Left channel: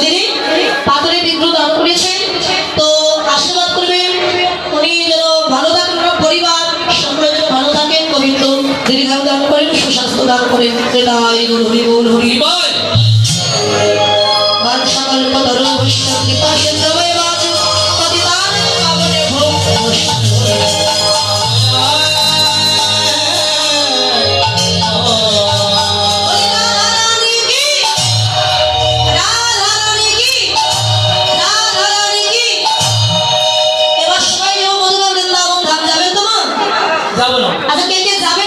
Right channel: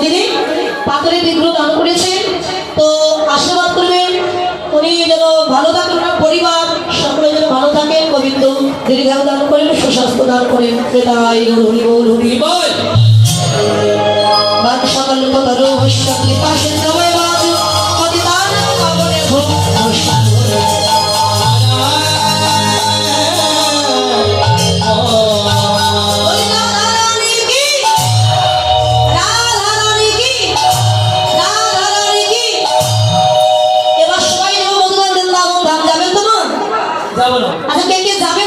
মন্দিরে পাথরে বিগ্রহ দান করেছেন। তো আশীর্বাদ করবেন উনি যেন ভালো থাকেন, ওনার পরিবার সকলে যেন ভালো থাকেন, গোবিন্দ দীর্ঘায়ু দান করেন, সুস্বাস্থ্য দান করেন। সেটাই হরি বল হরি বল। মান সকাল কতর হস্য কৃপা সিন্ধবে বাজ পতিতানে পাবনে ভো যাবো না। আচ্ছা কে